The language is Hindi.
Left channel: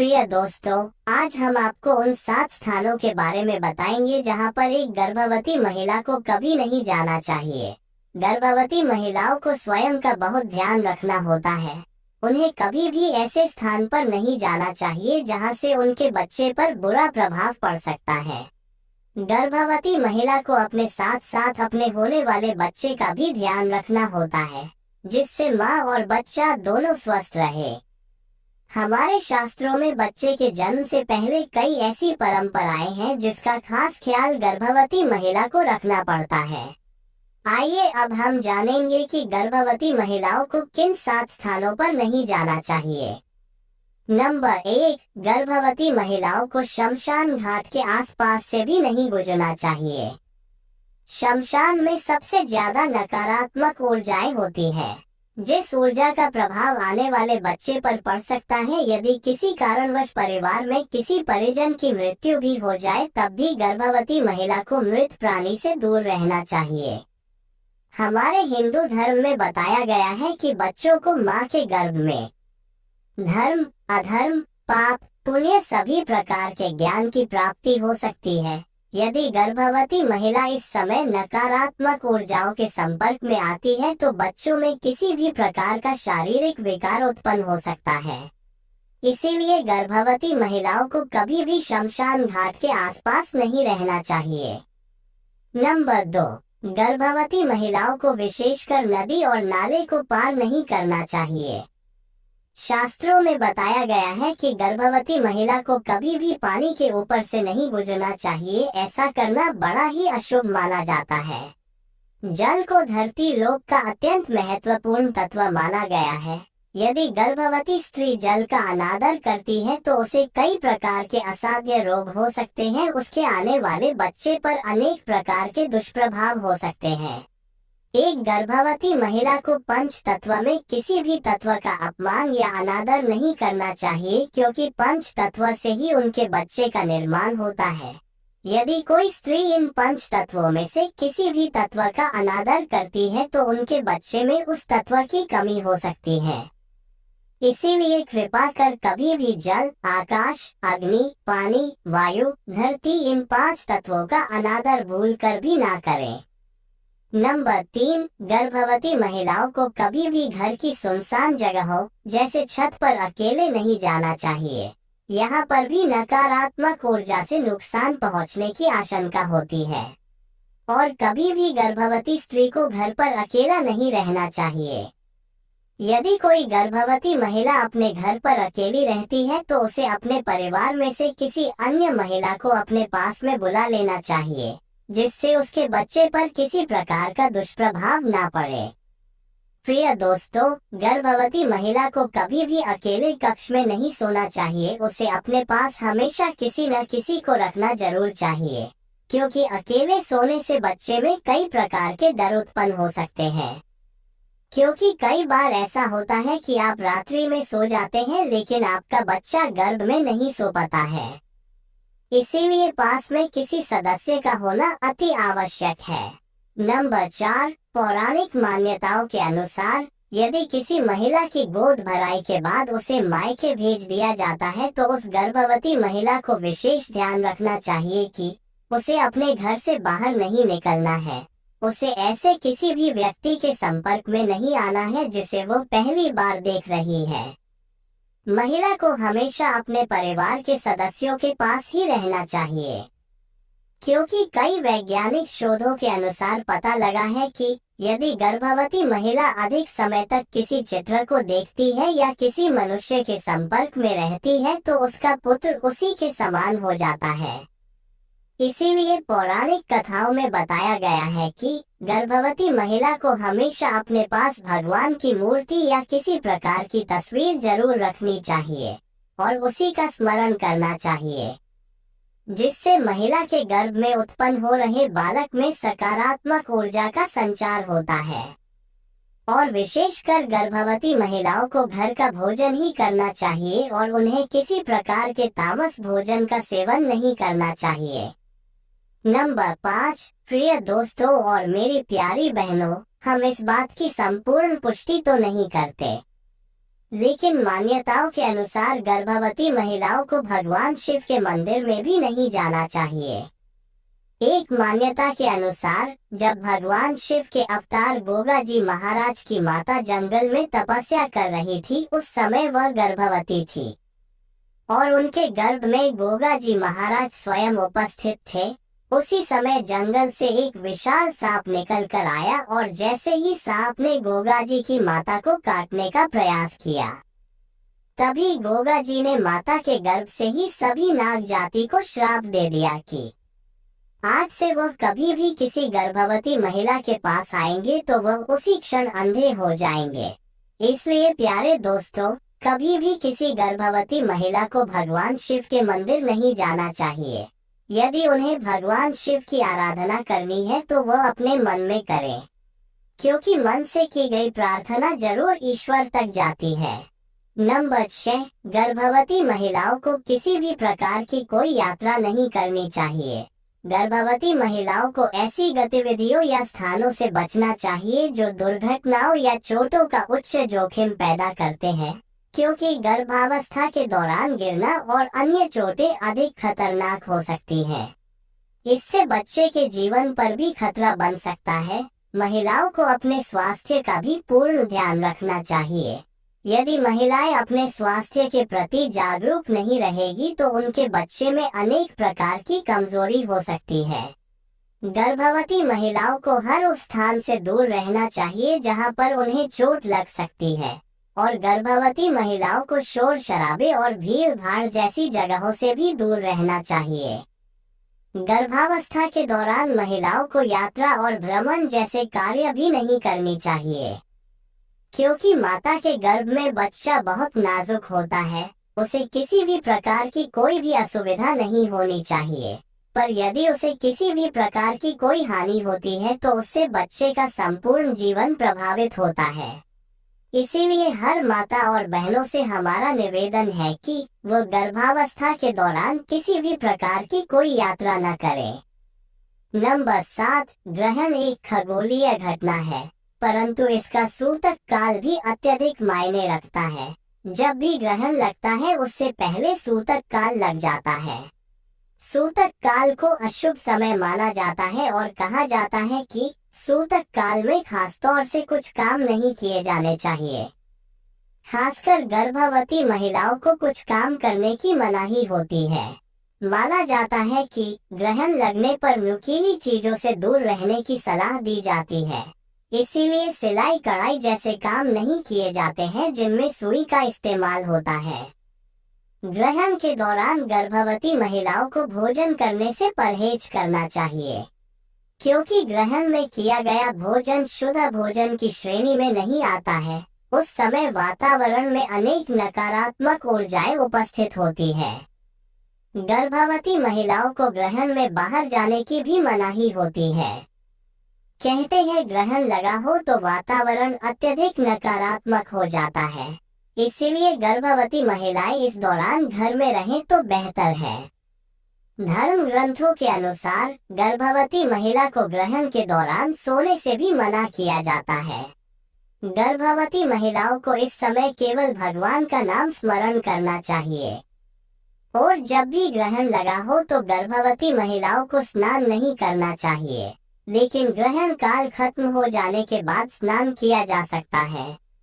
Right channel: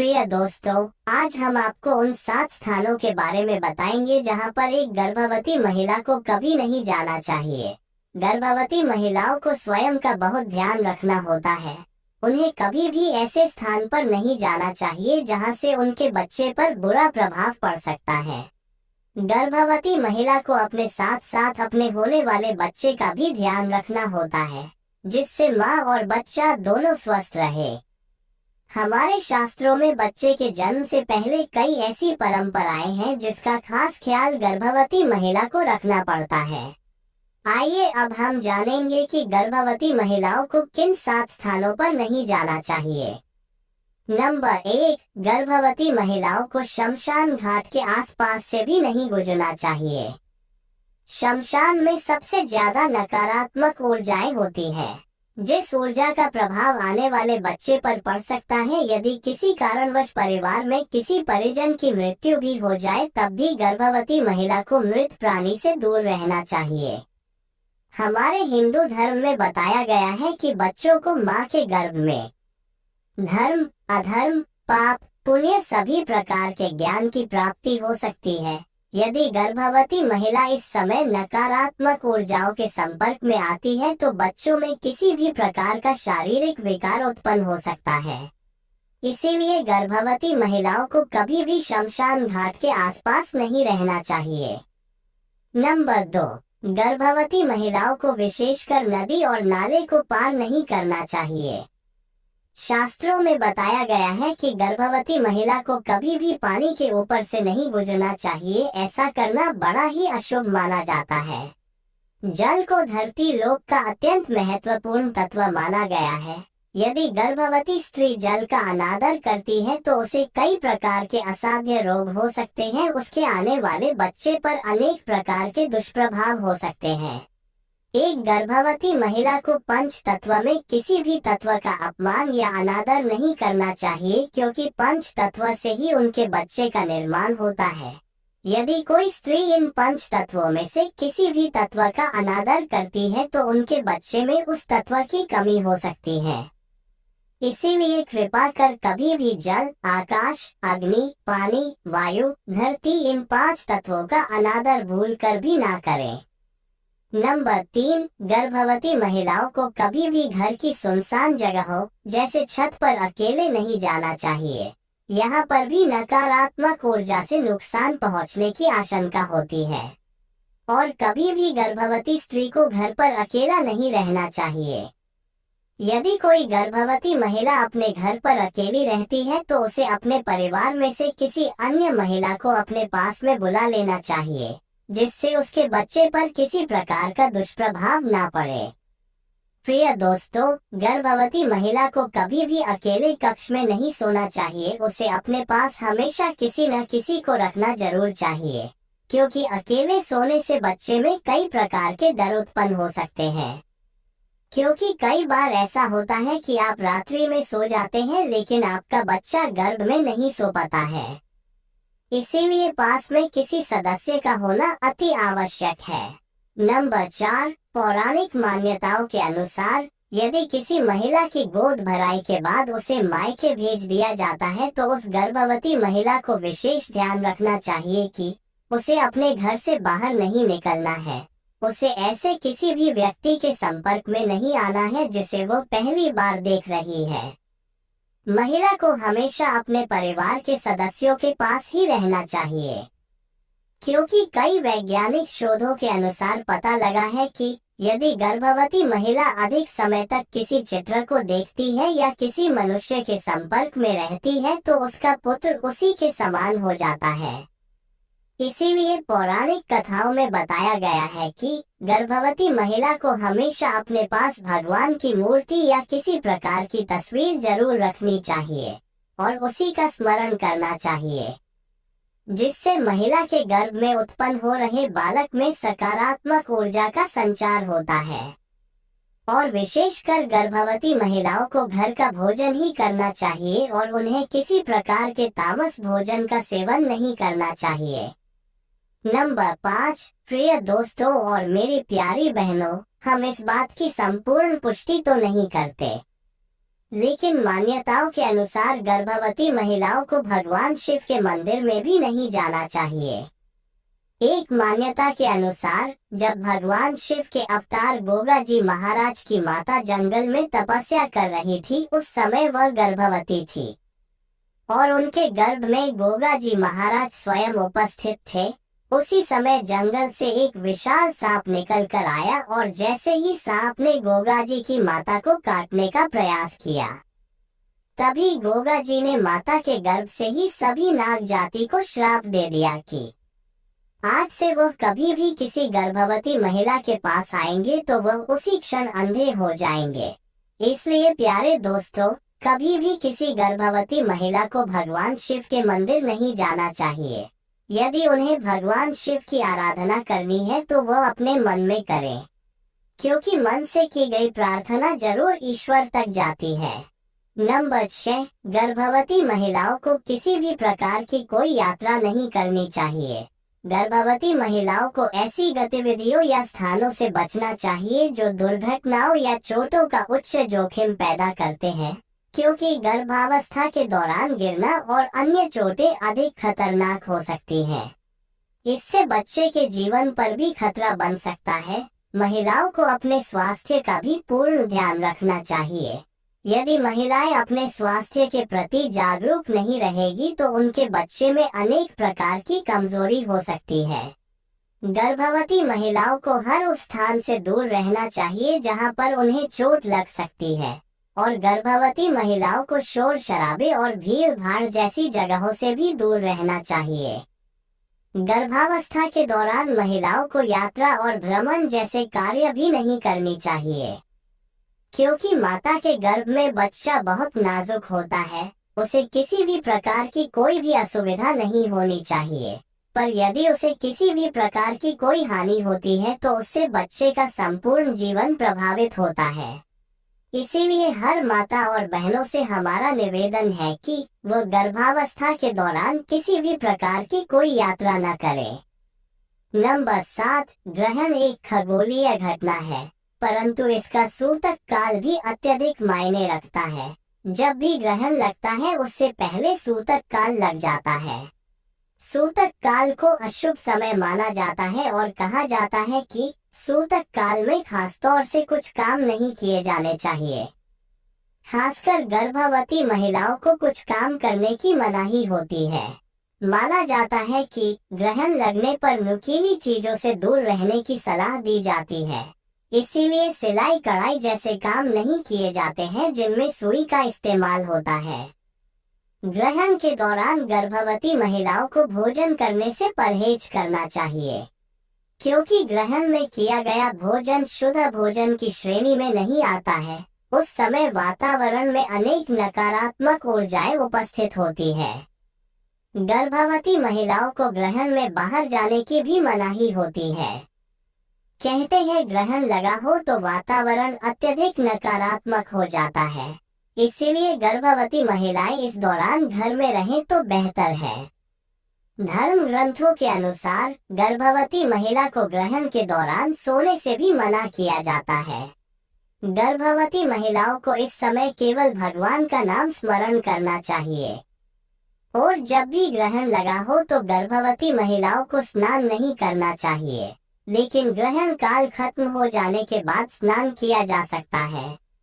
प्रिय दोस्तों, आज हम आपको उन 7 स्थानों के बारे में बताएंगे जहां पर एक गर्भवती महिला को कभी नहीं जाना चाहिए। गर्भवती महिलाओं को स्वयं का बहुत ध्यान रखना होता है। उन्हें कभी भी ऐसे स्थान पर नहीं जाना चाहिए जहां से उनके बच्चे पर बुरा प्रभाव पड़ सकता है। गर्भवती महिला को अपने साथ साथ अपने होने वाले बच्चे का भी ध्यान रखना होता है, जिससे माँ और बच्चा दोनों स्वस्थ रहे। हमारे शास्त्रों में बच्चे के जन्म से पहले कई ऐसी परंपराएं हैं जिसका खास ख्याल गर्भवती महिला को रखना पड़ता है। आइए अब हम जानेंगे कि गर्भवती महिलाओं को किन 7 स्थानों पर नहीं जाना चाहिए। नंबर 1, गर्भवती महिलाओं को शमशान घाट के आसपास से भी नहीं गुजरना चाहिए। शमशान में सबसे ज्यादा नकारात्मक ऊर्जाएं होती है, जिस ऊर्जा का प्रभाव आने वाले बच्चे पर पड़ सकता है। यदि किसी कारणवश परिवार में किसी परिजन की मृत्यु भी हो जाए, तब भी गर्भवती महिला को मृत प्राणी से दूर रहना चाहिए। हमारे हिंदू धर्म में बताया गया है कि बच्चों को माँ के गर्भ में धर्म, अधर्म, पाप, पुण्य सभी प्रकार के ज्ञान की प्राप्ति हो सकती है। यदि गर्भवती महिला इस समय नकारात्मक ऊर्जाओं के संपर्क में आती है तो बच्चों में किसी भी प्रकार का शारीरिक विकार उत्पन्न हो सकता है। इसीलिए गर्भवती महिलाओं को कभी भी शमशान घाट के आसपास नहीं रहना चाहिए। नंबर 2, गर्भवती महिलाओं को विशेषकर नदी और नाले को पार नहीं करना चाहिए। शास्त्रों में बताया गया है कि गर्भवती महिला को कभी भी पानी के ऊपर से नहीं गुजरना चाहिए। ऐसा करना बड़ा ही अशुभ माना जाता है। जल को धरती लोक का अत्यंत महत्वपूर्ण तत्व माना गया है। यदि गर्भवती स्त्री जल का अनादर करती है तो उसे कई प्रकार के असाध्य रोग हो सकते हैं। उसके आने वाले बच्चे पर अनेक प्रकार के दुष्प्रभाव हो सकते हैं। एक गर्भवती महिला को पंच तत्व में किसी भी तत्व का अपमान या अनादर नहीं करना चाहिए, क्योंकि पंच तत्व से ही उनके बच्चे का निर्माण होता है। यदि कोई स्त्री इन पंच तत्वों में से किसी भी तत्व का अनादर करती है तो उनके बच्चे में उस तत्व की कमी हो सकती है। इसीलिए कृपा कर कभी भी जल, आकाश, अग्नि, पानी, वायु, धरती इन 5 तत्वों का अनादर भूल कर भी ना करें। नंबर 3, गर्भवती महिलाओं को कभी भी घर की सुनसान जगहों जैसे छत पर अकेले नहीं जाना चाहिए। यहाँ पर भी नकारात्मक ऊर्जा से नुकसान पहुँचने की आशंका होती है। और कभी भी गर्भवती स्त्री को घर पर अकेला नहीं रहना चाहिए। यदि कोई गर्भवती महिला अपने घर पर अकेली रहती है तो उसे अपने परिवार में से किसी अन्य महिला को अपने पास में बुला लेना चाहिए, जिससे उसके बच्चे पर किसी प्रकार का दुष्प्रभाव ना पड़े। प्रिय दोस्तों, गर्भवती महिला को कभी भी अकेले कक्ष में नहीं सोना चाहिए। उसे अपने पास हमेशा किसी न किसी को रखना जरूर चाहिए, क्योंकि अकेले सोने से बच्चे में कई प्रकार के डर उत्पन्न हो सकते हैं। क्योंकि कई बार ऐसा होता है कि आप रात्रि में सो जाते हैं लेकिन आपका बच्चा गर्भ में नहीं सो पाता है। इसीलिए पास में किसी सदस्य का होना अति आवश्यक है। नंबर 4, पौराणिक मान्यताओं के अनुसार यदि किसी महिला की गोद भराई के बाद उसे मायके भेज दिया जाता है तो उस गर्भवती महिला को विशेष ध्यान रखना चाहिए कि उसे अपने घर से बाहर नहीं निकलना है। उसे ऐसे किसी भी व्यक्ति के संपर्क में नहीं आना है जिसे वो पहली बार देख रही है। महिला को हमेशा अपने परिवार के सदस्यों के पास ही रहना चाहिए, क्योंकि कई वैज्ञानिक शोधों के अनुसार पता लगा है कि यदि गर्भवती महिला अधिक समय तक किसी चित्र को देखती है या किसी मनुष्य के संपर्क में रहती है तो उसका पुत्र उसी के समान हो जाता है। इसीलिए पौराणिक कथाओं में बताया गया है कि गर्भवती महिला को हमेशा अपने पास भगवान की मूर्ति या किसी प्रकार की तस्वीर जरूर रखनी चाहिए और उसी का स्मरण करना चाहिए, जिससे महिला के गर्भ में उत्पन्न हो रहे बालक में सकारात्मक ऊर्जा का संचार होता है। और विशेषकर गर्भवती महिलाओं को घर का भोजन ही करना चाहिए और उन्हें किसी प्रकार के तामस भोजन का सेवन नहीं करना चाहिए। नंबर 5, प्रिय दोस्तों और मेरी प्यारी बहनों, हम इस बात की संपूर्ण पुष्टि तो नहीं करते, लेकिन मान्यताओं के अनुसार गर्भवती महिलाओं को भगवान शिव के मंदिर में भी नहीं जाना चाहिए। एक मान्यता के अनुसार जब भगवान शिव के अवतार गोगा जी महाराज की माता जंगल में तपस्या कर रही थी, उस समय वह गर्भवती थी और उनके गर्भ में गोगा जी महाराज स्वयं उपस्थित थे। उसी समय जंगल से एक विशाल सांप निकल कर आया और जैसे ही सांप ने गोगा जी की माता को काटने का प्रयास किया, तभी गोगा जी ने माता के गर्भ से ही सभी नाग जाति को श्राप दे दिया कि आज से वह कभी भी किसी गर्भवती महिला के पास आएंगे तो वह उसी क्षण अंधे हो जाएंगे। इसलिए प्यारे दोस्तों, कभी भी किसी गर्भवती महिला को भगवान शिव के मंदिर नहीं जाना चाहिए। यदि उन्हें भगवान शिव की आराधना करनी है तो वह अपने मन में करें, क्योंकि मन से की गई प्रार्थना जरूर ईश्वर तक जाती है। नंबर 6, गर्भवती महिलाओं को किसी भी प्रकार की कोई यात्रा नहीं करनी चाहिए। गर्भवती महिलाओं को ऐसी गतिविधियों या स्थानों से बचना चाहिए जो दुर्घटनाओं या चोटों का उच्च जोखिम पैदा करते हैं, क्योंकि गर्भावस्था के दौरान गिरना और अन्य चोटें अधिक खतरनाक हो सकती हैं। इससे बच्चे के जीवन पर भी खतरा बन सकता है। महिलाओं को अपने स्वास्थ्य का भी पूर्ण ध्यान रखना चाहिए। यदि महिलाएं अपने स्वास्थ्य के प्रति जागरूक नहीं रहेगी तो उनके बच्चे में अनेक प्रकार की कमजोरी हो सकती है। गर्भवती महिलाओं को हर उस स्थान से दूर रहना चाहिए जहां पर उन्हें चोट लग सकती है, और गर्भवती महिलाओं को शोर शराबे और भीड़ भाड़ जैसी जगहों से भी दूर रहना चाहिए। गर्भावस्था के दौरान महिलाओं को यात्रा और भ्रमण जैसे कार्य भी नहीं करनी चाहिए, क्योंकि माता के गर्भ में बच्चा बहुत नाजुक होता है। उसे किसी भी प्रकार की कोई भी असुविधा नहीं होनी चाहिए, पर यदि उसे किसी भी प्रकार की कोई हानि होती है तो उससे बच्चे का संपूर्ण जीवन प्रभावित होता है। इसीलिए हर माता और बहनों से हमारा निवेदन है कि वो गर्भावस्था के दौरान किसी भी प्रकार की कोई यात्रा न करें। नंबर 7, ग्रहण एक खगोलीय घटना है, परंतु इसका सूतक काल भी अत्यधिक मायने रखता है। जब भी ग्रहण लगता है उससे पहले सूतक काल लग जाता है। सूतक काल को अशुभ समय माना जाता है और कहा जाता है कि सूतक काल में खासतौर से कुछ काम नहीं किए जाने चाहिए। खासकर गर्भवती महिलाओं को कुछ काम करने की मनाही होती है। माना जाता है कि ग्रहण लगने पर नुकीली चीजों से दूर रहने की सलाह दी जाती है। इसीलिए सिलाई कढ़ाई जैसे काम नहीं किए जाते हैं जिनमें सुई का इस्तेमाल होता है। ग्रहण के दौरान गर्भवती महिलाओं को भोजन करने से परहेज करना चाहिए, क्योंकि ग्रहण में किया गया भोजन शुद्ध भोजन की श्रेणी में नहीं आता है। उस समय वातावरण में अनेक नकारात्मक ऊर्जाएं उपस्थित होती है। गर्भवती महिलाओं को ग्रहण में बाहर जाने की भी मनाही होती है। कहते हैं ग्रहण लगा हो तो वातावरण अत्यधिक नकारात्मक हो जाता है, इसीलिए गर्भवती महिलाएं इस दौरान घर में रहें तो बेहतर है। धर्म ग्रंथों के अनुसार गर्भवती महिला को ग्रहण के दौरान सोने से भी मना किया जाता है। गर्भवती महिलाओं को इस समय केवल भगवान का नाम स्मरण करना चाहिए, और जब भी ग्रहण लगा हो तो गर्भवती महिलाओं को स्नान नहीं करना चाहिए, लेकिन ग्रहण काल खत्म हो जाने के बाद स्नान किया जा सकता है।